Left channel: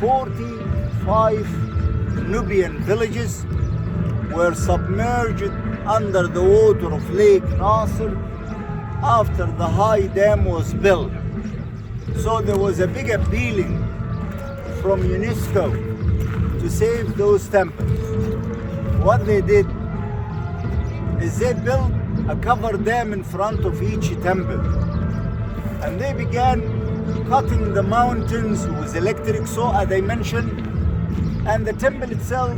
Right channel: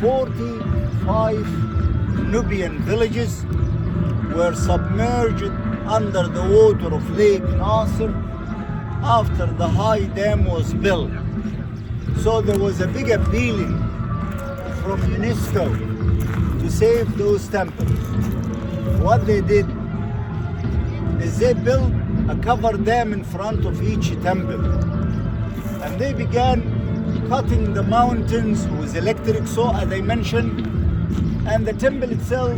45 Nubian villages were submerged under the water of Lake Nasser after the high dam was built. So there was a big appealing from UNESCO to save those temples. What they did is they built a cover dam in front of each temple, and they began cutting the mountains with electric saw, as I mentioned, and the temple itself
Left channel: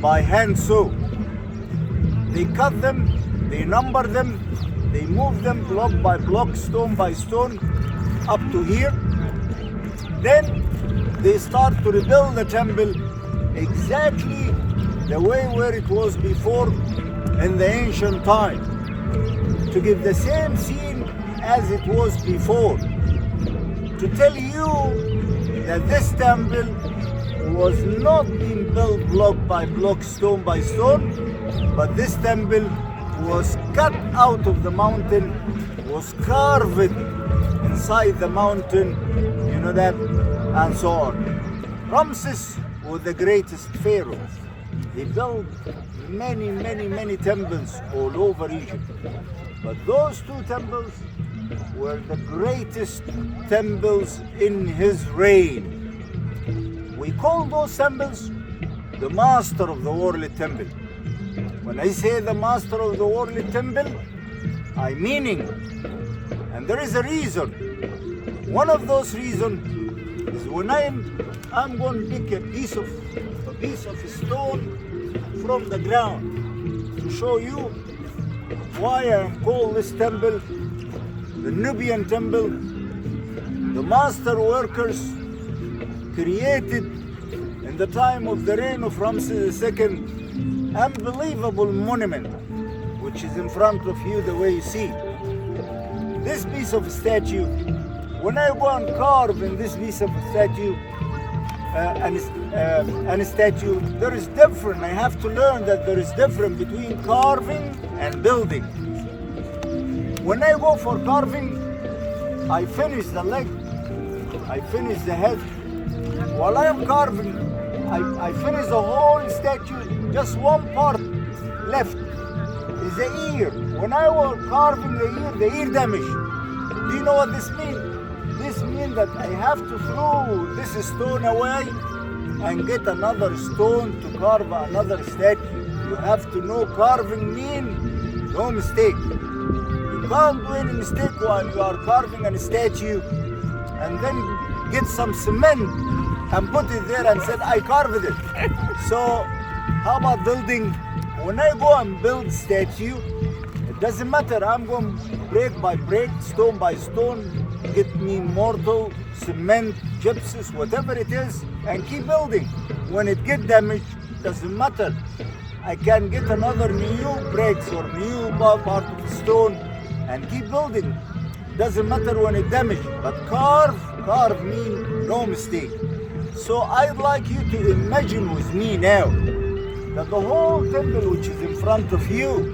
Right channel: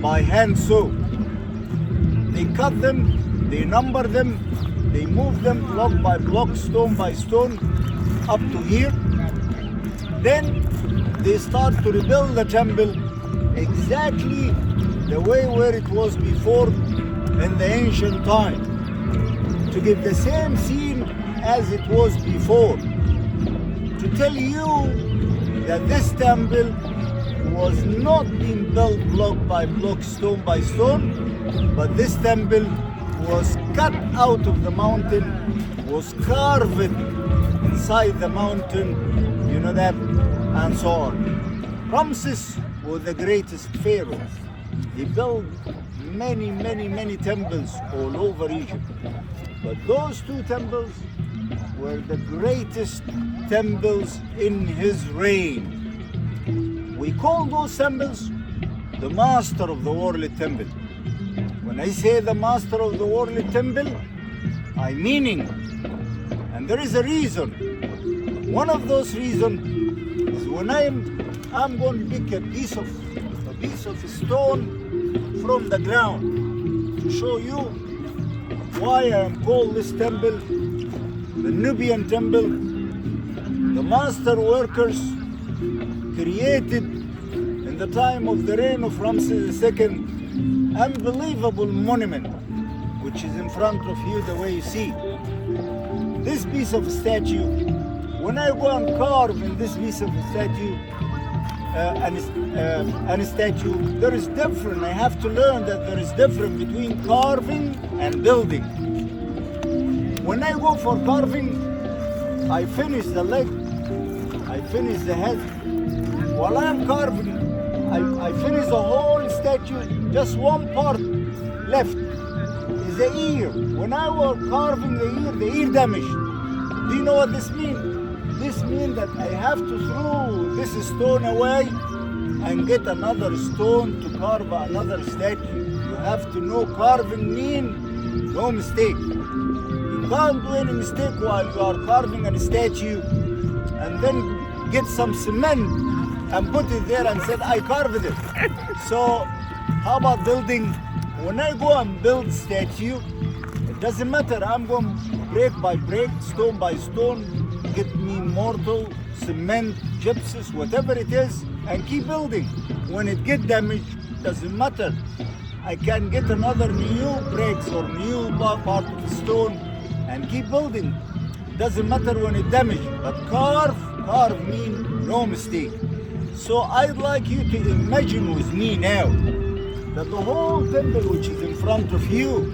by hand saw. They cut them, they number them, they move them block by block, stone by stone, up to here. Then they start to rebuild the temple exactly the way where it was before in the ancient time, to give the same scene as it was before, to tell you that this temple was not being built block by block, stone by stone, but this temple was cut out of the mountain, was carved inside the mountain, you know that, and so on. Ramses was the greatest pharaoh. He built many temples all over Egypt. But those two temples were the greatest temples in his reign. We call those temples the master of the world temple. When I say the master of the world temple, I meaning, and there is a reason. One of those reasons is when I'm going to pick a piece of stone from the ground to show you why I am called this temple the Nubian temple. The master workers created in the time of the reign of Ramses II unbelievable monument, which is in front of you the way you see. This piece of statue, when I go and carve in this piece of statue, and a statue, there is different. I have to learn that there is difference between carving and building. When I go for carving, I finish the leg, I finish the head. While I am carving, I finish the whole statue, just one part left is the ear. When I was carving the ear damage. Do you know what this means? This means that I have to throw this stone away and get another stone to carve another statue. You have to know carving means no mistake. You can't do any mistake while you are carving a statue and then get some cement and put it there and said, I carved it. So how about building? When I go and build statue, it doesn't matter. I'm going break by break, stone by stone, get me mortar, cement, gypsum, whatever it is, and keep building. When it get damaged, doesn't matter. I can get another new bricks or new part of the stone and keep building. Doesn't matter when it damaged, but carve means no mistake. So I'd like you to imagine with me now that the whole temple which is in front of you,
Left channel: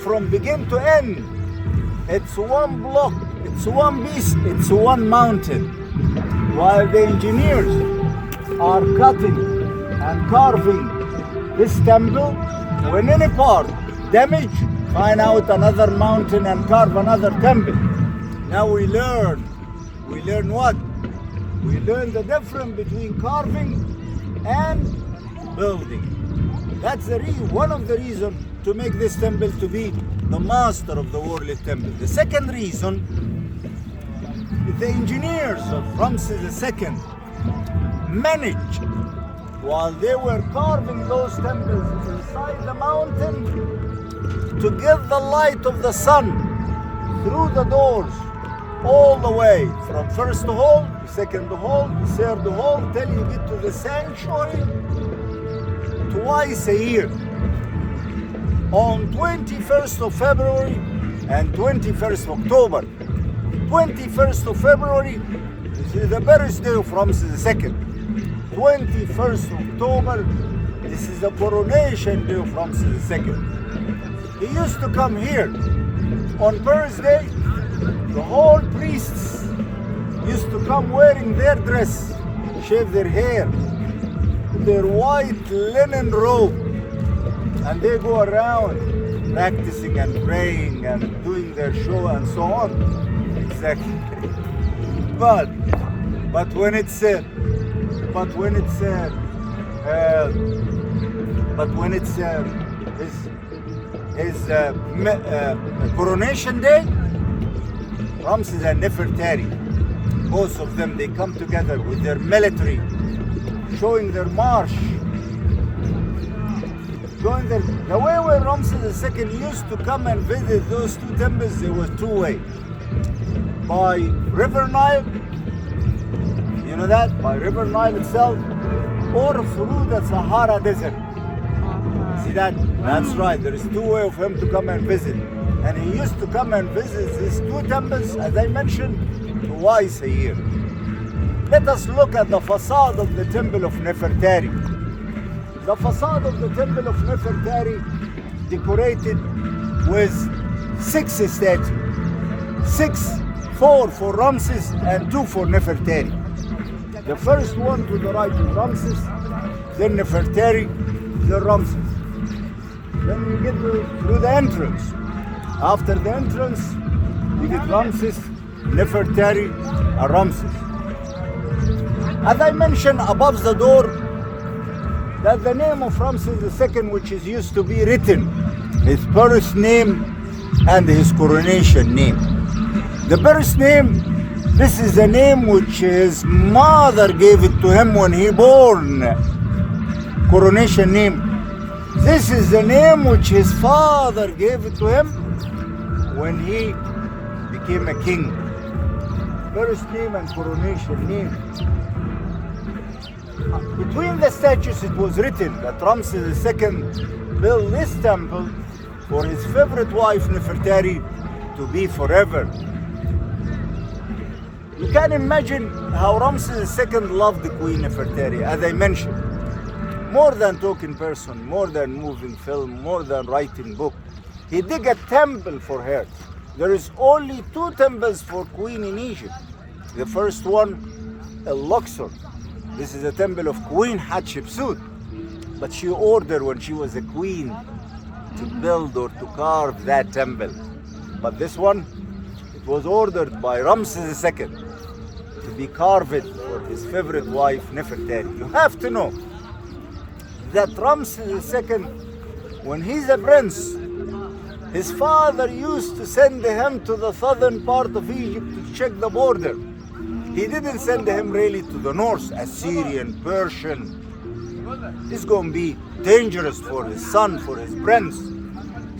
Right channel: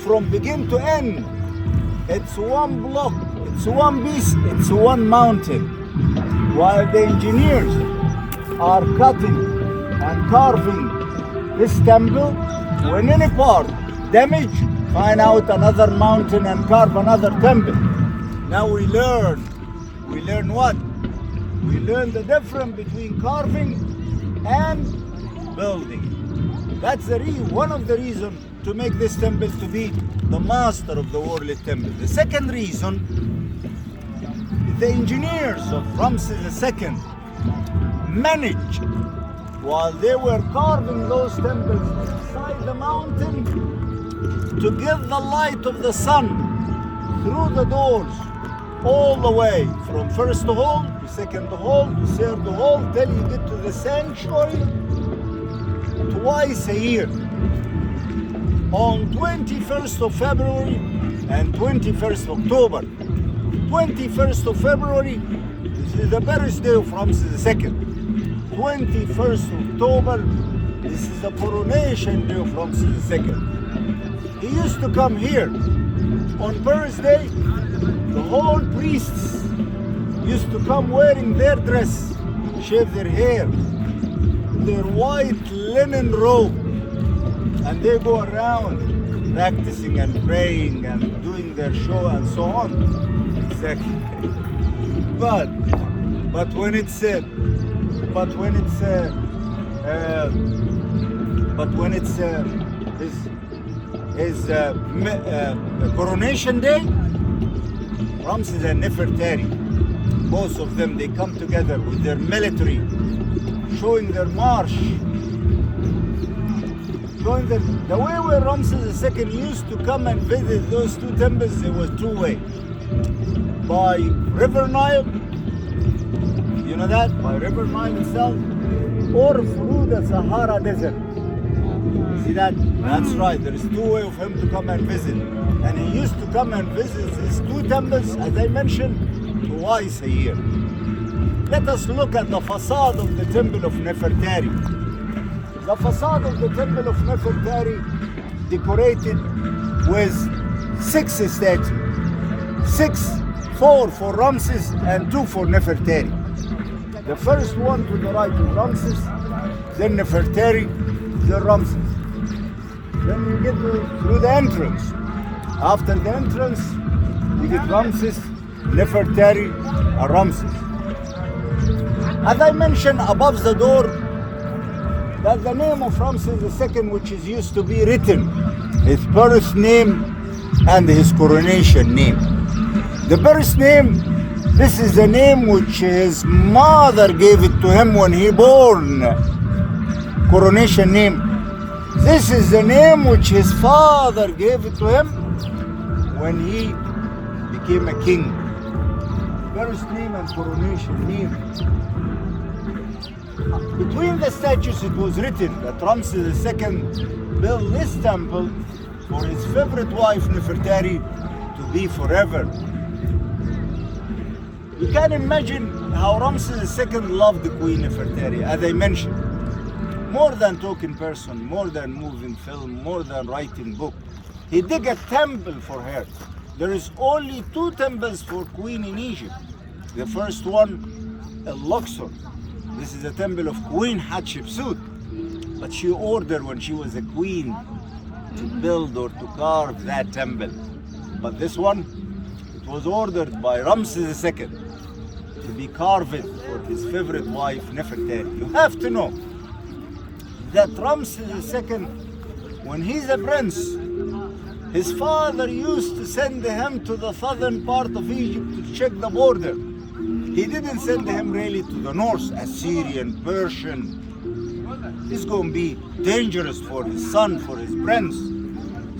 from begin to end, it's one block, it's one piece, it's one mountain. While the engineers are cutting and carving this temple, when any part damaged, find out another mountain and carve another temple. Now we learn what? We learn the difference between carving and building. That's one of the reasons to make this temple to be the master of the world temple. The second reason, the engineers of Ramses II managed, while they were carving those temples inside the mountain, to get the light of the sun through the doors all the way from first hall, second hall, third hall, till you get to the sanctuary twice a year. On 21st of February and 21st October. 21st of February is the birthday of Ramses II. 21st October, this is the coronation day of Ramses II. He used to come here. On birthday, the whole priests used to come wearing their dress, shave their hair, their white linen robe, and they go around practicing and praying and doing their show and so on. Exactly. But when it's coronation day, Ramses and Nefertari, both of them, they come together with their military, showing their march. Showing them the way where Ramses II used to come and visit those two temples, it was two ways. By River Nile, you know that, by River Nile itself, or through the Sahara Desert. See that? That's right. There is two ways of him to come and visit. And he used to come and visit these two temples, as I mentioned, twice a year. Let us look at the facade of the temple of Nefertari. The facade of the temple of Nefertari decorated with 6 statues. 4 for Ramses and 2 for Nefertari. The first one to the right is Ramses, then Nefertari, then Ramses. Then you get through the entrance. After the entrance, you get Ramses, Nefertari, and Ramses. As I mentioned above the door, that's the name of Ramses II, which is used to be written, his birth name and his coronation name. The birth name, this is the name which his mother gave it to him when he born. Coronation name. This is the name which his father gave it to him when he became a king. Birth name and coronation name. Between the statues it was written that Ramses II built this temple for his favorite wife Nefertari to be forever. You can imagine how Ramses II loved the Queen Nefertari, as I mentioned. More than talking person, more than moving film, more than writing book. He did a temple for her. There is only 2 temples for Queen in Egypt. The first one, Luxor. This is the temple of Queen Hatshepsut. But she ordered when she was a queen to build or to carve that temple. But this one, it was ordered by Ramses II to be carved for his favorite wife Nefertari. You have to know that Ramses II, when he's a prince, his father used to send him to the southern part of Egypt to check the border. He didn't send him really to the north, Assyrian, Persian. It's going to be dangerous for his son, for his prince.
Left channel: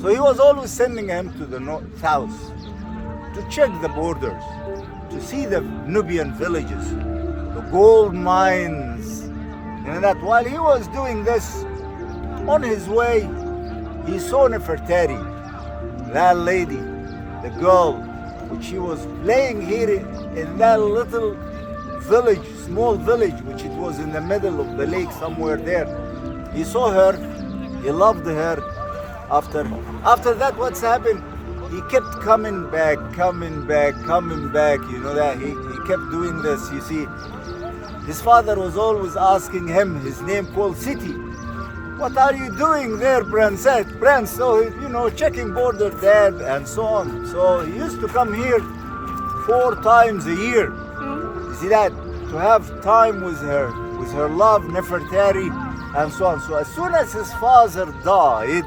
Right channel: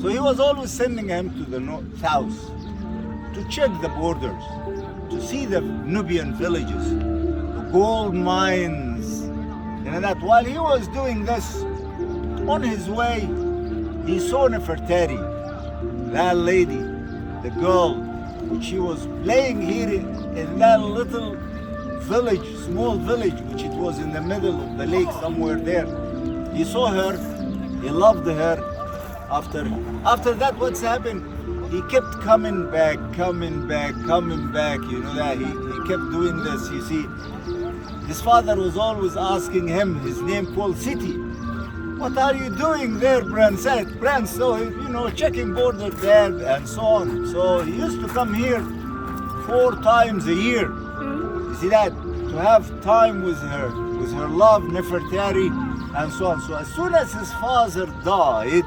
So he was always sending him to the south to check the borders, to see the Nubian villages, the gold mines. And that while he was doing this, on his way, he saw Nefertari, that lady, the girl, she was playing here in that little village, small village, which it was in the middle of the lake somewhere there. He saw her, he loved her. After that, what's happened? He kept coming back, you know that, he kept doing this, you see. His father was always asking him, his name called City, what are you doing there, Prince? So, you know, checking border, Dad, and so on. So he used to come here 4 times a year. You see that? To have time with her love, Nefertari, and so on. So as soon as his father died,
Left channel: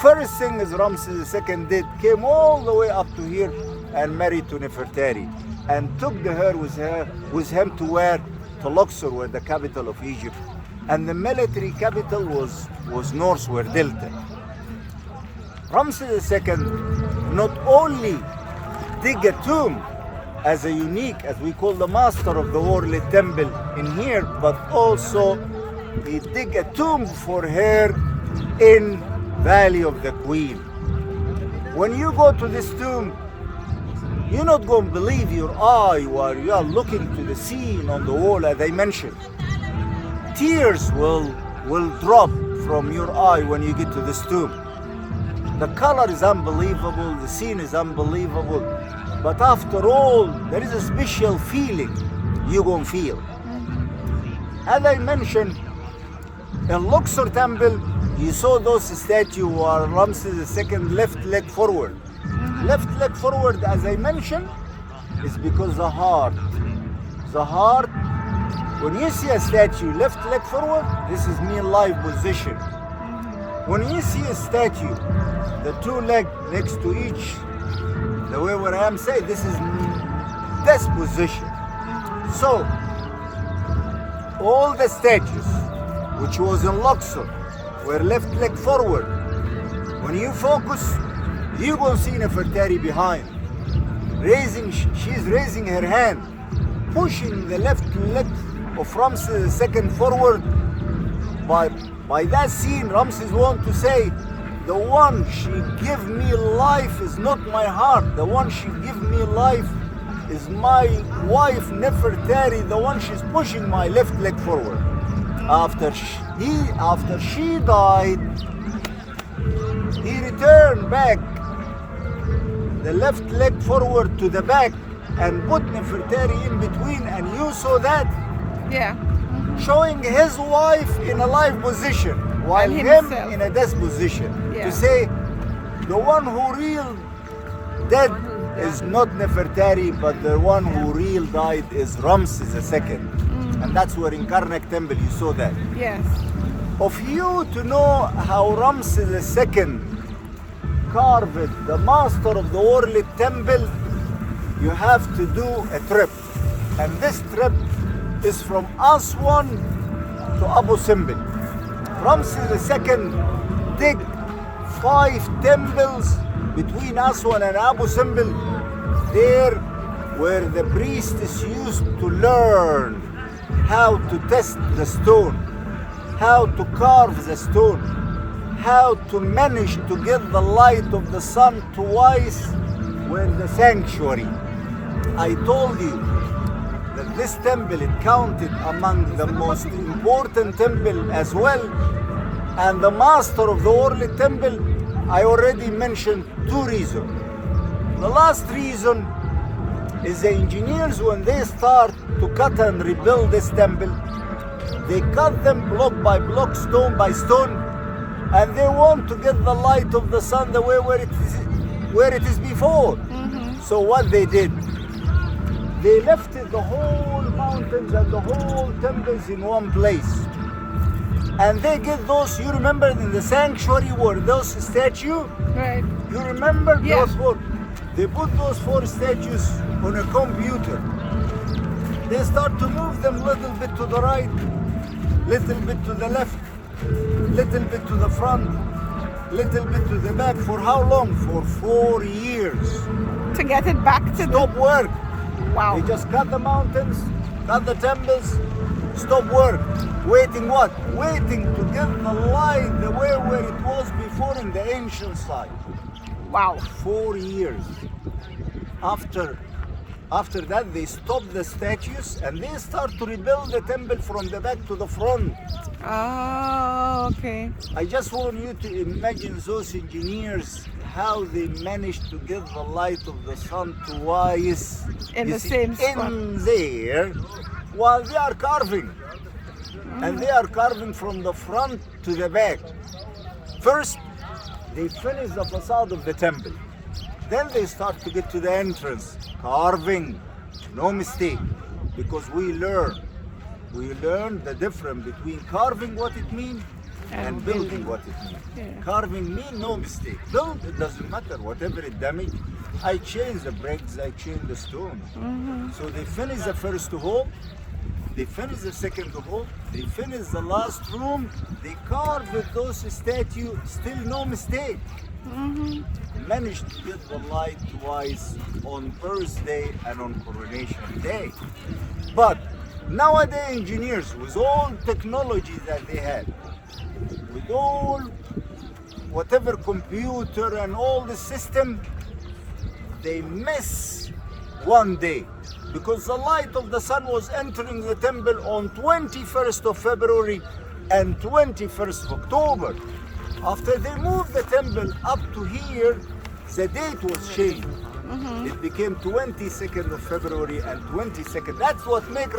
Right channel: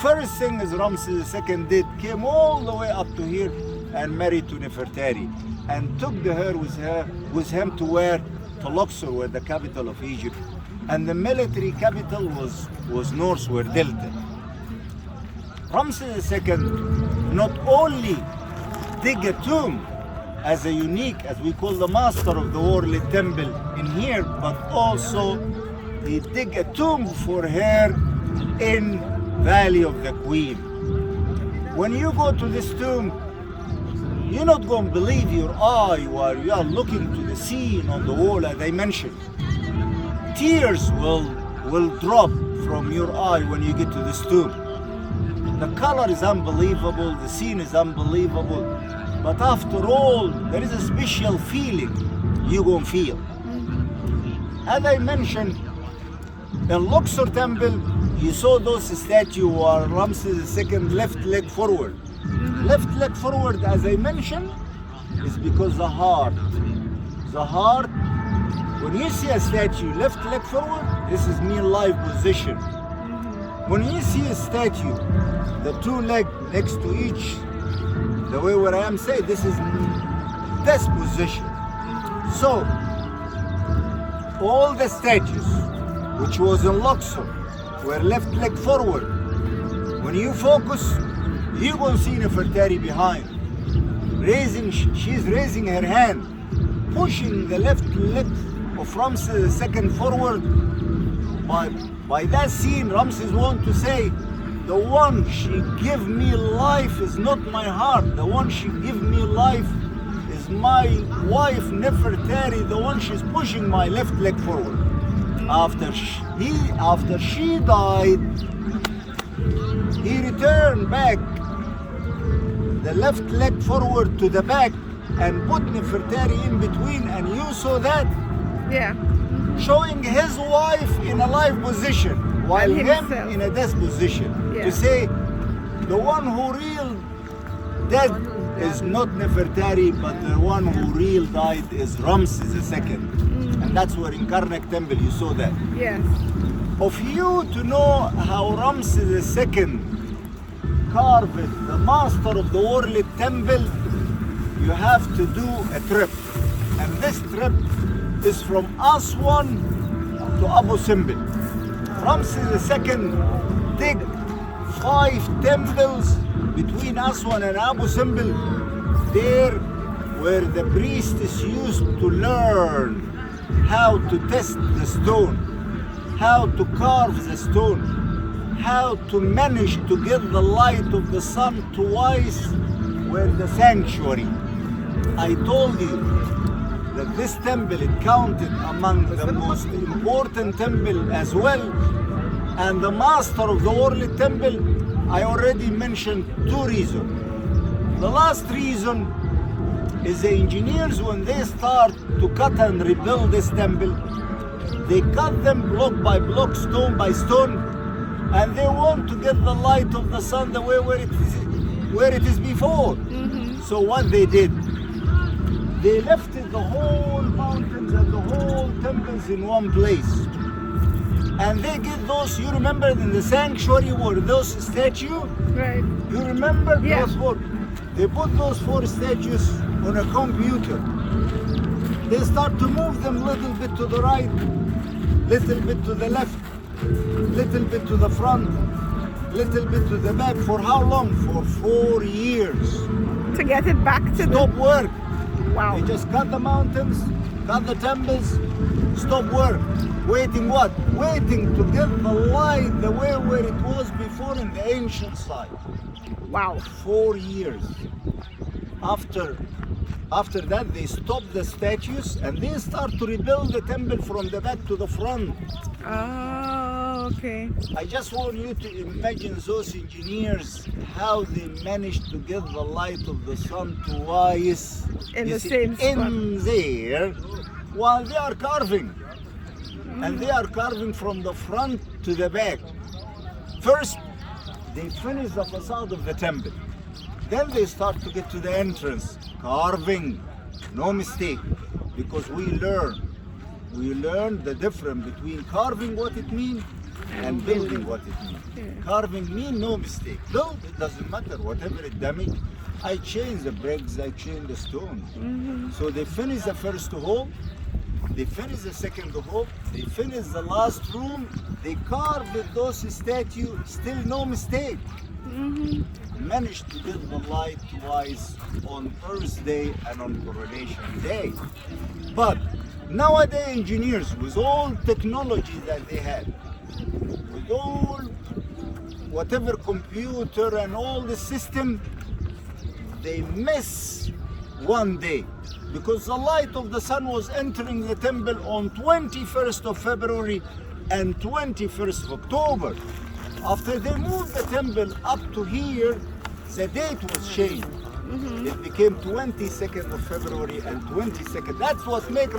first thing as Ramses II did, came all the way up to here and married to Nefertari, and took her with him to where? To Luxor, where the capital of Egypt. And the military capital was north, where Delta. Ramses II not only dig a tomb as a unique, as we call the master of the world temple in here, but also he dig a tomb for her in Valley of the Queen. When you go to this tomb, you're not going to believe your eye while you are looking to the scene on the wall, as I mentioned. Tears will drop from your eye when you get to this tomb. The color is unbelievable, the scene is unbelievable, but after all, there is a special feeling you're going to feel. As I mentioned, in Luxor Temple, you saw those statues were Ramses II left leg forward. Left leg forward, as I mentioned, is because the heart, when you see a statue left leg forward, this is mean life position. When you see a statue, the two legs next to each, the way where I am saying, this is death position. So, all the statues, which was in Luxor, were left leg forward. When you focus, you will see Nefertari behind. She's raising her hand, pushing the left leg of Ramses II forward. By that scene, Ramses wants to say, the one she give me life is not my heart. The one she give me life is my wife Nefertari. The one she's pushing my left leg forward. After she died, he returned back the left leg forward to the back and put Nefertari in between, and you saw that? Yeah. Showing his wife in a live position while And him himself. in a death position. Yeah. To say the one who real dead is not Nefertari, but the one who real died is Ramses II. And that's where in Karnak Temple you saw that. Yes. Of you to know how Ramses II carved the master of the world temple, you have to do a trip. And this trip is from Aswan to Abu Simbel. Ramses II dig 5 temples between Aswan and Abu Simbel, there where the priests used to learn how to test the stone, how to carve the stone, how to manage to get the light of the sun twice were the sanctuary. I told you that this temple is counted among the most important temple as well. And the master of the world temple, I already mentioned 2 reasons. The last reason is the engineers, when they start to cut and rebuild this temple, they cut them block by block, stone by stone, and they want to get the light of the sun the way where it is before. So what they did, they left the whole mountains and the whole temples in one place. And they get those, you remember in the sanctuary were those statues? Right. You remember Yeah. those 4? They put those 4 statues on a computer. They start to move them little bit to the right, little bit to the left, little bit to the front, little bit to the back. For how long? For 4 years. To get it back to the... Stop work. Wow. They just cut the mountains, cut the temples, stop work. Waiting what? Waiting to get the light the way where it was before in the ancient side. Wow. 4 years. After that, they stop the statues and they start to rebuild the temple from the back to the front. Oh, okay. I just want you to imagine those engineers, how they managed to get the light of the sun twice In the same spot. in there while they are carving. And they are carving from the front to the back. First, they finish the facade of the temple. Then they start to get to the entrance, carving, no mistake, because we learn the difference between carving what it means and building what it means. Yeah. Carving means no mistake. Build, it doesn't matter, whatever it damage, I change the bricks, I change the stones. So they finish the first hole, they finish the second hole, they finish the last room, they carve with those statues, still no mistake. Managed to get the light twice on birthday and on coronation day. But nowadays engineers, with all technology that they had, with all whatever computer and all the system, they miss one day. Because the light of the sun was entering the temple on 21st of February and 21st of October. After they moved the temple up to here, the date was changed. It became 22nd of February and 22nd. That's what makes